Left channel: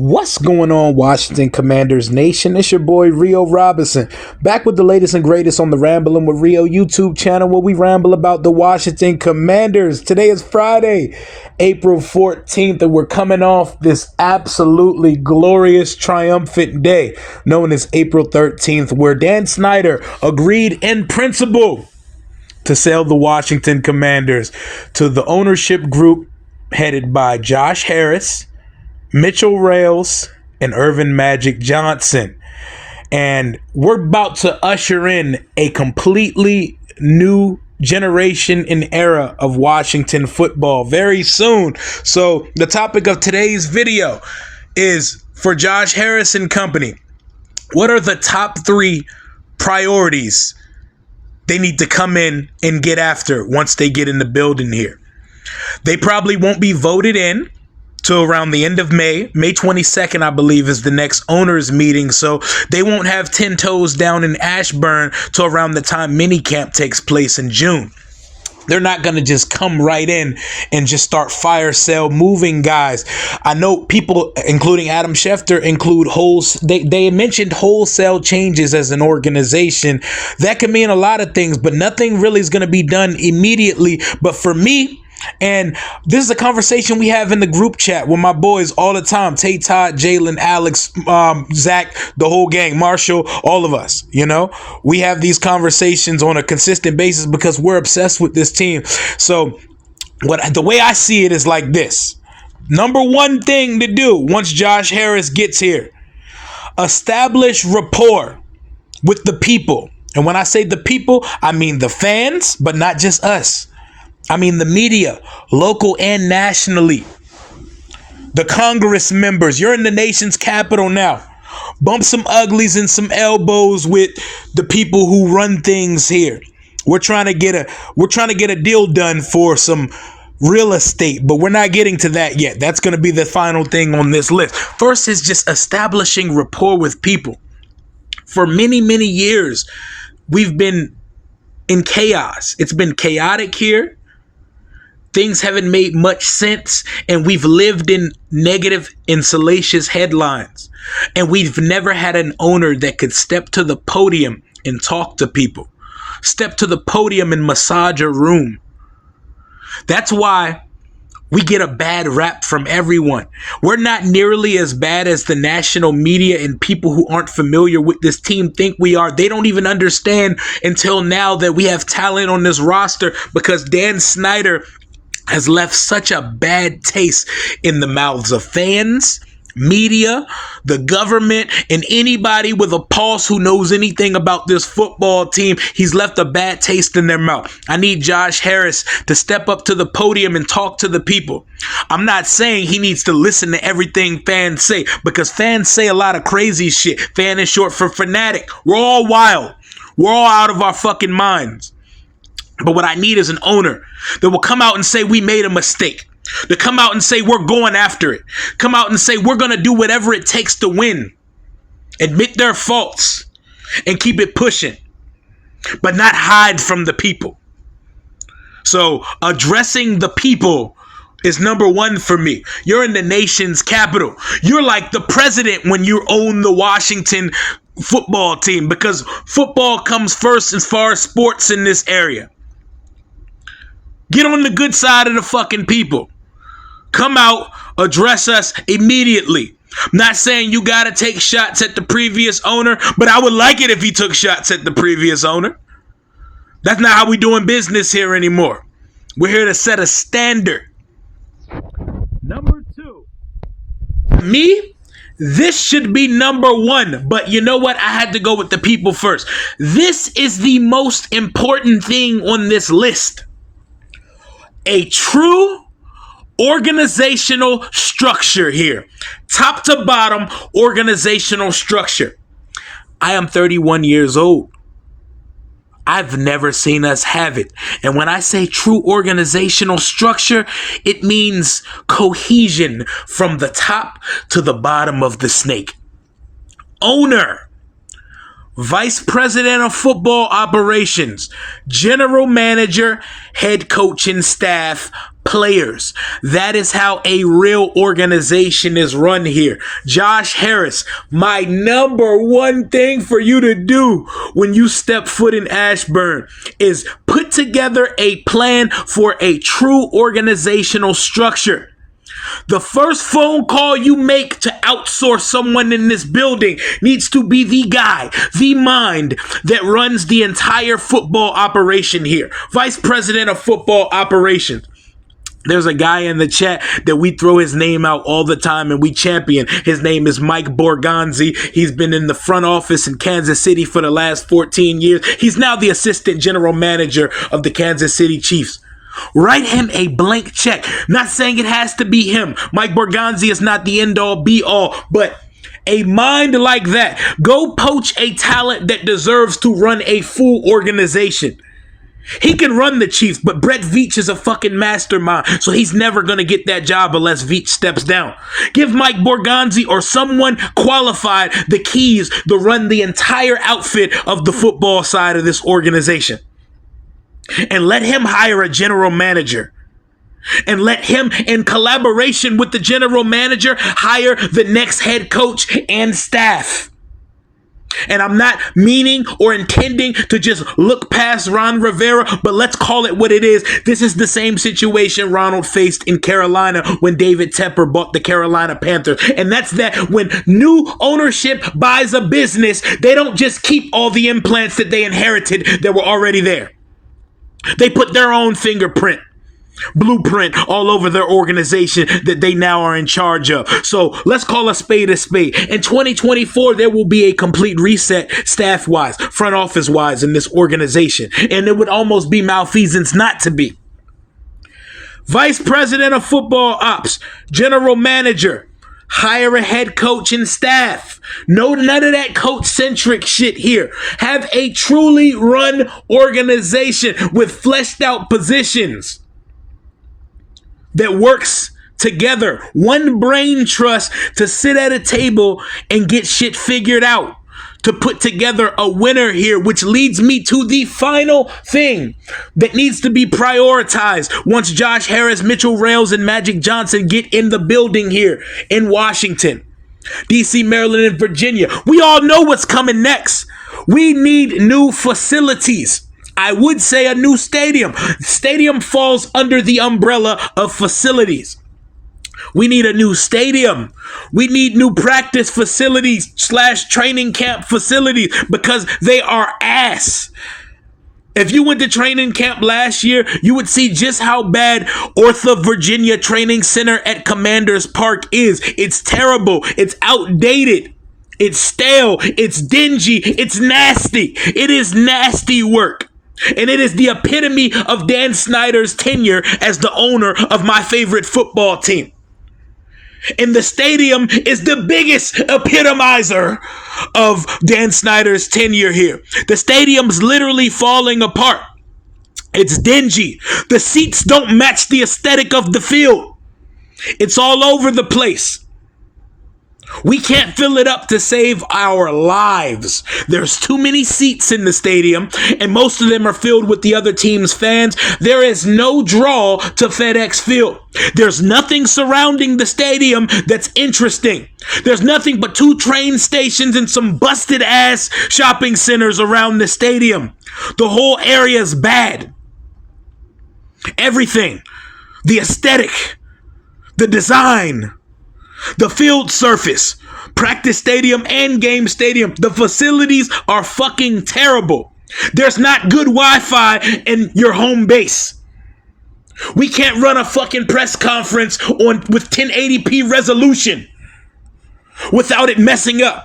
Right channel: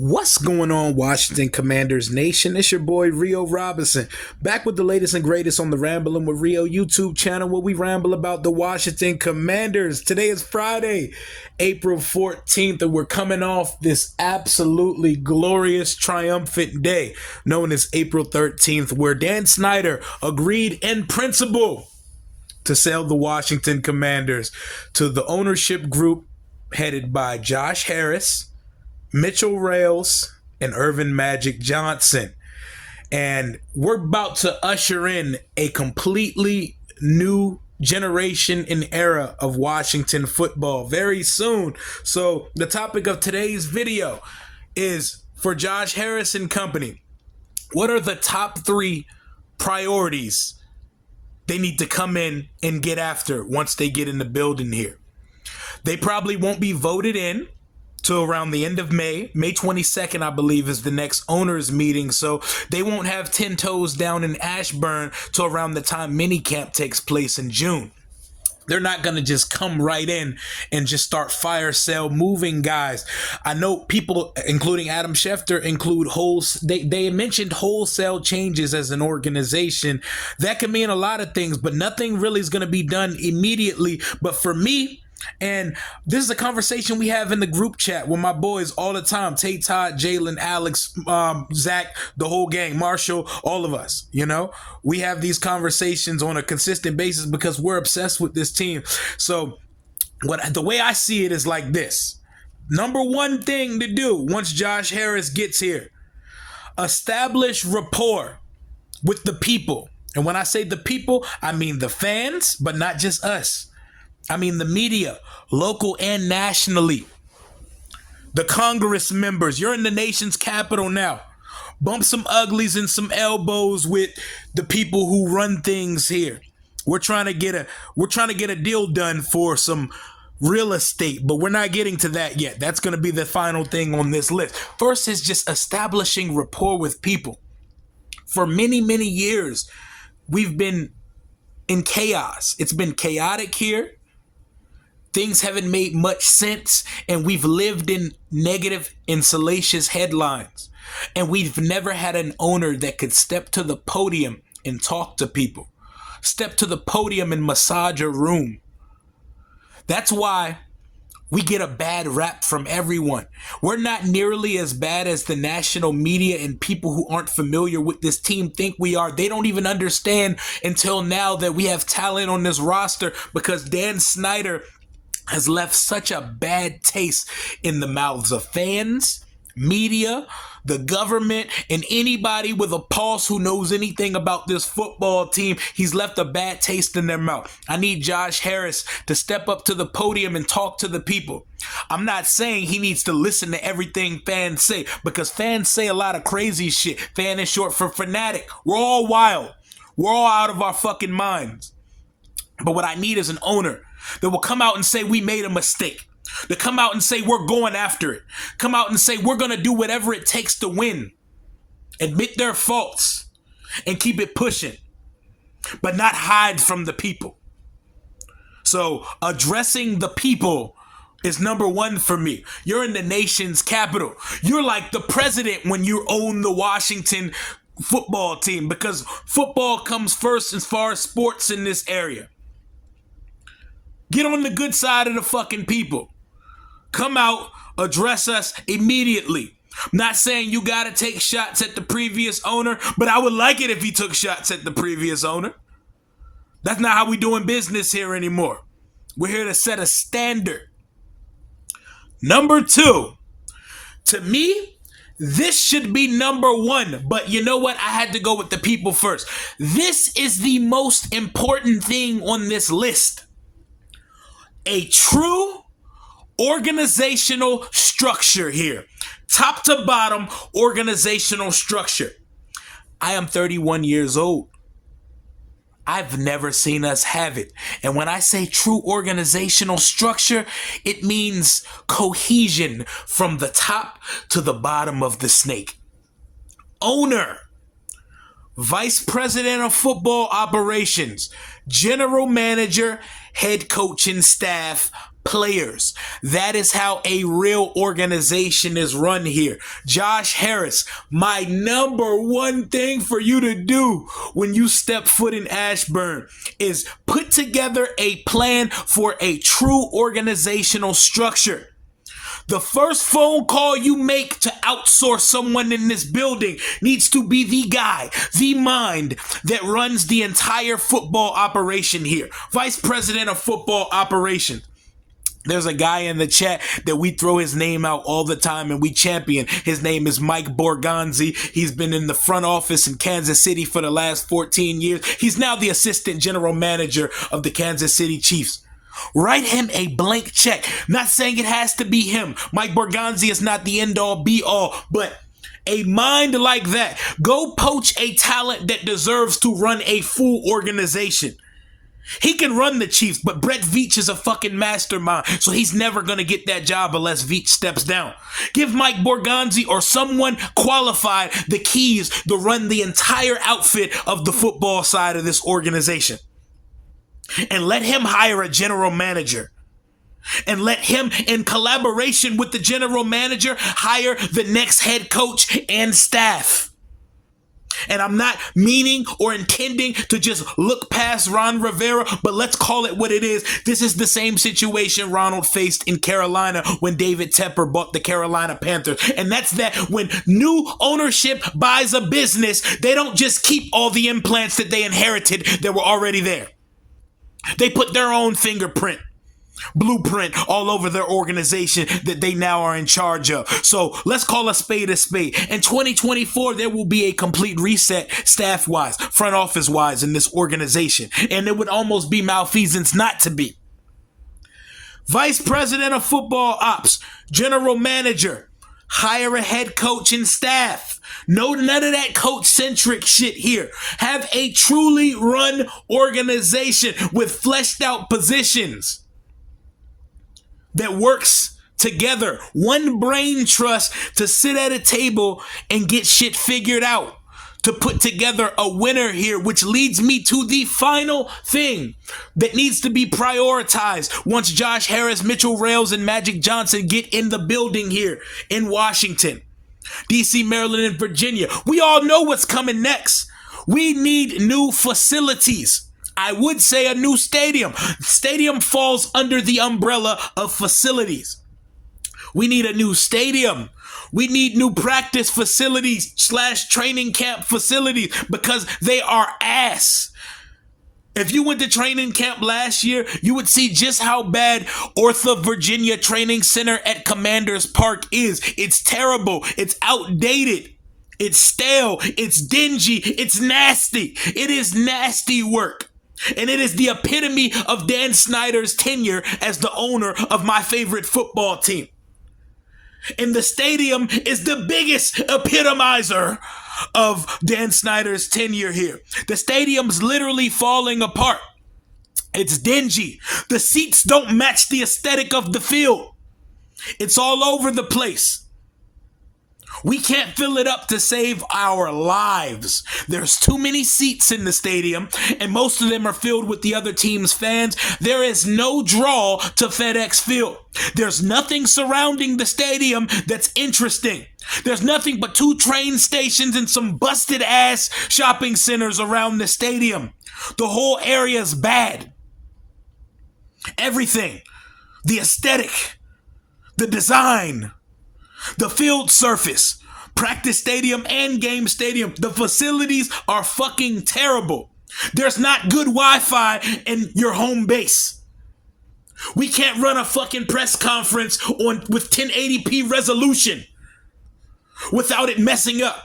What's going on, Washington Commanders Nation? It's your boy Rio Robinson, back with the latest and greatest on the Rambling with Rio YouTube channel, where we ramble about the Washington Commanders. Today is Friday, April 14th, and we're coming off this absolutely glorious, triumphant day known as April 13th, where Dan Snyder agreed in principle to sell the Washington Commanders to the ownership group headed by Josh Harris, Mitchell Rales, and Irvin Magic Johnson. And we're about to usher in a completely new generation and era of Washington football very soon. So the topic of today's video is for Josh Harris and company. What are the top 3 priorities they need to come in and get after once they get in the building here? They probably won't be voted in till around the end of May. May 22nd, I believe, is the next owners meeting. So they won't have 10 toes down in Ashburn till around the time minicamp takes place in June. They're not going to just come right in and just start fire sale moving guys. I know people, including Adam Schefter, include they mentioned wholesale changes as an organization. That can mean a lot of things, but nothing really is going to be done immediately. But for me, and this is a conversation we have in the group chat with my boys all the time. Tate, Todd, Jalen, Alex, Zach, the whole gang, Marshall, all of us, we have these conversations on a consistent basis because we're obsessed with this team. So the way I see it is like this. Number one thing to do once Josh Harris gets here, establish rapport with the people. And when I say the people, I mean the fans, but not just us. I mean the media, local and nationally. The Congress members. You're in the nation's capital now. Bump some uglies and some elbows with the people who run things here. We're trying to get a deal done for some real estate, but we're not getting to that yet. That's going to be the final thing on this list. First is just establishing rapport with people. For many, many years, we've been in chaos. It's been chaotic here. Things haven't made much sense, and we've lived in negative and salacious headlines. And we've never had an owner that could step to the podium and talk to people. Step to the podium and massage a room. That's why we get a bad rap from everyone. We're not nearly as bad as the national media and people who aren't familiar with this team think we are. They don't even understand until now that we have talent on this roster because Dan Snyder has left such a bad taste in the mouths of fans, media, the government, and anybody with a pulse who knows anything about this football team. He's left a bad taste in their mouth. I need Josh Harris to step up to the podium and talk to the people. I'm not saying he needs to listen to everything fans say, because fans say a lot of crazy shit. Fan is short for fanatic. We're all wild. We're all out of our fucking minds. But what I need is an owner that will come out and say we made a mistake. To come out and say we're going after it. Come out and say we're going to do whatever it takes to win. Admit their faults and keep it pushing. But not hide from the people. So addressing the people is number one for me. You're in the nation's capital. You're like the president when you own the Washington football team, because football comes first as far as sports in this area. Get on the good side of the fucking people. Come out, address us immediately. I'm not saying you got to take shots at the previous owner, but I would like it if he took shots at the previous owner. That's not how we doing business here anymore. We're here to set a standard. Number 2, to me, this should be number 1, but you know what? I had to go with the people first. This is the most important thing on this list. A true organizational structure here. Top to bottom organizational structure. I am 31 years old. I've never seen us have it. And when I say true organizational structure, it means cohesion from the top to the bottom of the snake. Owner, vice president of football operations, general manager, head coach and staff, players. That is how a real organization is run here. Josh Harris, my number one thing for you to do when you step foot in Ashburn is put together a plan for a true organizational structure. The first phone call you make to outsource someone in this building needs to be the guy, the mind that runs the entire football operation here. Vice President of Football Operations. There's a guy in the chat that we throw his name out all the time and we champion. His name is Mike Borgonzi. He's been in the front office in Kansas City for the last 14 years. He's now the assistant general manager of the Kansas City Chiefs. Write him a blank check. Not saying it has to be him. Mike Borgonzi is not the end all be all, but a mind like that. Go poach a talent that deserves to run a full organization. He can run the Chiefs, but Brett Veach is a fucking mastermind, so he's never going to get that job unless Veach steps down. Give Mike Borgonzi or someone qualified the keys to run the entire outfit of the football side of this organization. And let him hire a general manager. And let him, in collaboration with the general manager, hire the next head coach and staff. And I'm not meaning or intending to just look past Ron Rivera, but let's call it what it is. This is the same situation Ronald faced in Carolina when David Tepper bought the Carolina Panthers. And that's that when new ownership buys a business, they don't just keep all the implants that they inherited that were already there. They put their own fingerprint, blueprint all over their organization that they now are in charge of. So let's call a spade a spade. In 2024, there will be a complete reset staff-wise, front office-wise in this organization. And it would almost be malfeasance not to be. Vice President of Football Ops, General Manager, hire a head coach and staff. No, none of that coach-centric shit here. Have a truly run organization with fleshed out positions that works together. One brain trust to sit at a table and get shit figured out. To put together a winner here, which leads me to the final thing that needs to be prioritized once Josh Harris, Mitchell Rales, and Magic Johnson get in the building here in Washington, D.C., Maryland, and Virginia. We all know what's coming next. We need new facilities. I would say a new stadium. Stadium falls under the umbrella of facilities. We need a new stadium. We need new practice facilities / training camp facilities because they are ass. If you went to training camp last year, you would see just how bad Ortha, Virginia Training Center at Commanders Park is. It's terrible. It's outdated. It's stale. It's dingy. It's nasty. It is nasty work. And it is the epitome of Dan Snyder's tenure as the owner of my favorite football team. And the stadium is the biggest epitomizer of Dan Snyder's tenure here. The stadium's literally falling apart. It's dingy. The seats don't match the aesthetic of the field. It's all over the place. We can't fill it up to save our lives. There's too many seats in the stadium, and most of them are filled with the other team's fans. There is no draw to FedEx Field. There's nothing surrounding the stadium that's interesting. There's nothing but 2 train stations and some busted ass shopping centers around the stadium. The whole area is bad. Everything. The aesthetic. The design. The field surface, practice stadium and game stadium. The facilities are fucking terrible. There's not good Wi-Fi in your home base. We can't run a fucking press conference with 1080p resolution without it messing up.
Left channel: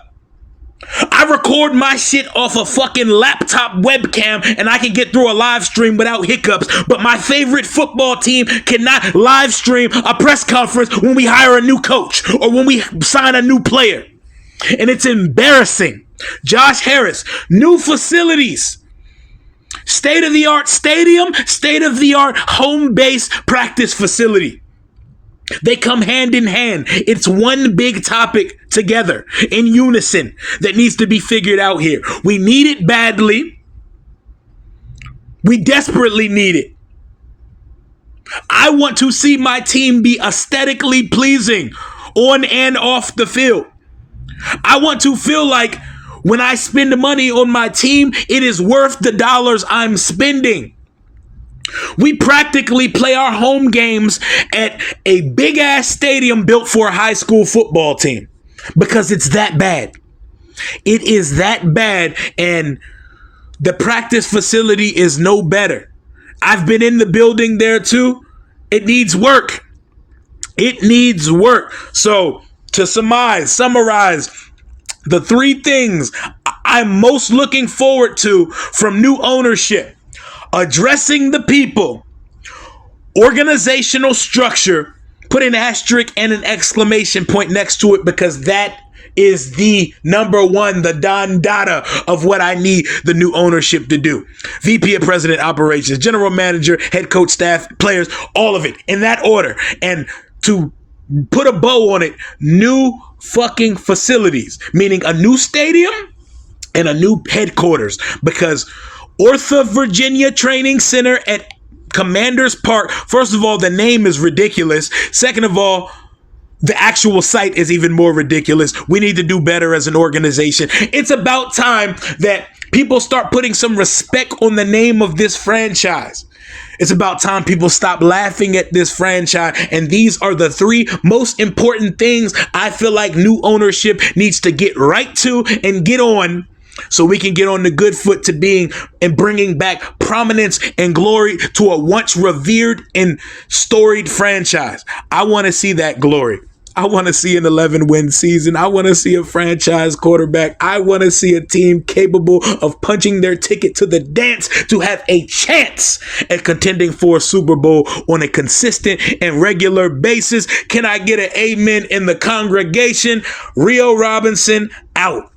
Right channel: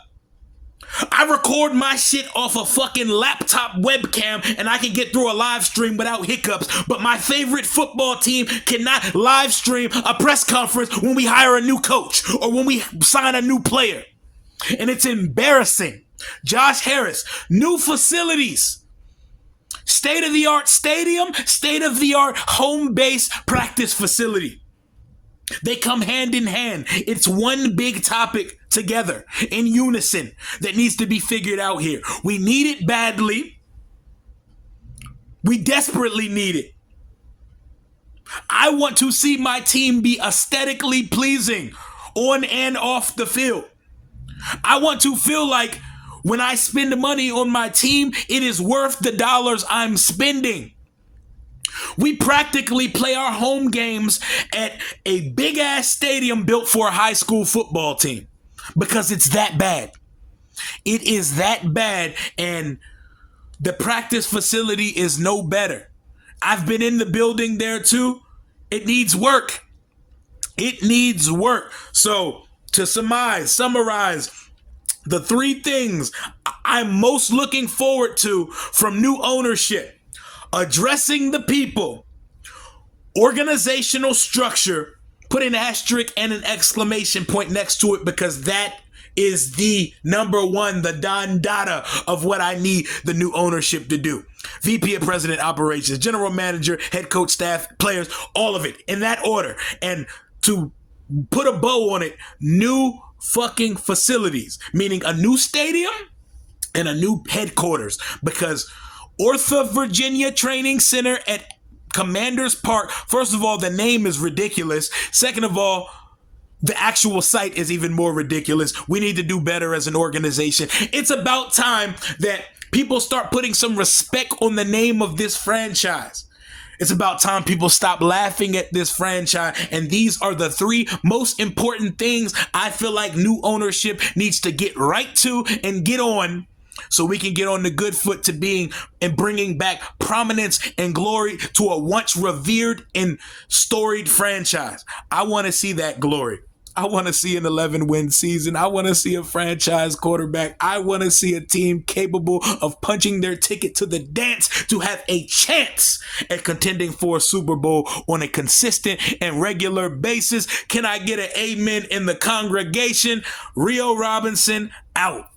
I record my shit off a fucking laptop webcam and I can get through a live stream without hiccups, but my favorite football team cannot live stream a press conference when we hire a new coach or when we sign a new player. And it's embarrassing. Josh Harris, new facilities, state-of-the-art stadium, state-of-the-art home base practice facility. They come hand in hand. It's one big topic together in unison that needs to be figured out here. We need it badly. We desperately need it. I want to see my team be aesthetically pleasing on and off the field. I want to feel like when I spend money on my team, it is worth the dollars I'm spending. We practically play our home games at a big ass stadium built for a high school football team because it's that bad. It is that bad, and the practice facility is no better. I've been in the building there too. It needs work. It needs work. So to summarize the three things I'm most looking forward to from new ownership: addressing the people, organizational structure, put an asterisk and an exclamation point next to it because that is the number one, the Don Dada of what I need the new ownership to do. VP of President Operations, General Manager, Head Coach, staff, players, all of it in that order. And to put a bow on it, new fucking facilities, meaning a new stadium and a new headquarters, because Ortha Virginia Training Center at Commanders Park, first of all, the name is ridiculous. Second of all, the actual site is even more ridiculous. We need to do better as an organization. It's about time that people start putting some respect on the name of this franchise. It's about time people stop laughing at this franchise. And these are the three most important things I feel like new ownership needs to get right to and get on, so we can get on the good foot to being and bringing back prominence and glory to a once revered and storied franchise. I want to see that glory. I want to see an 11-win season. I want to see a franchise quarterback. I want to see a team capable of punching their ticket to the dance to have a chance at contending for a Super Bowl on a consistent and regular basis. Can I get an amen in the congregation? Rio Robinson out.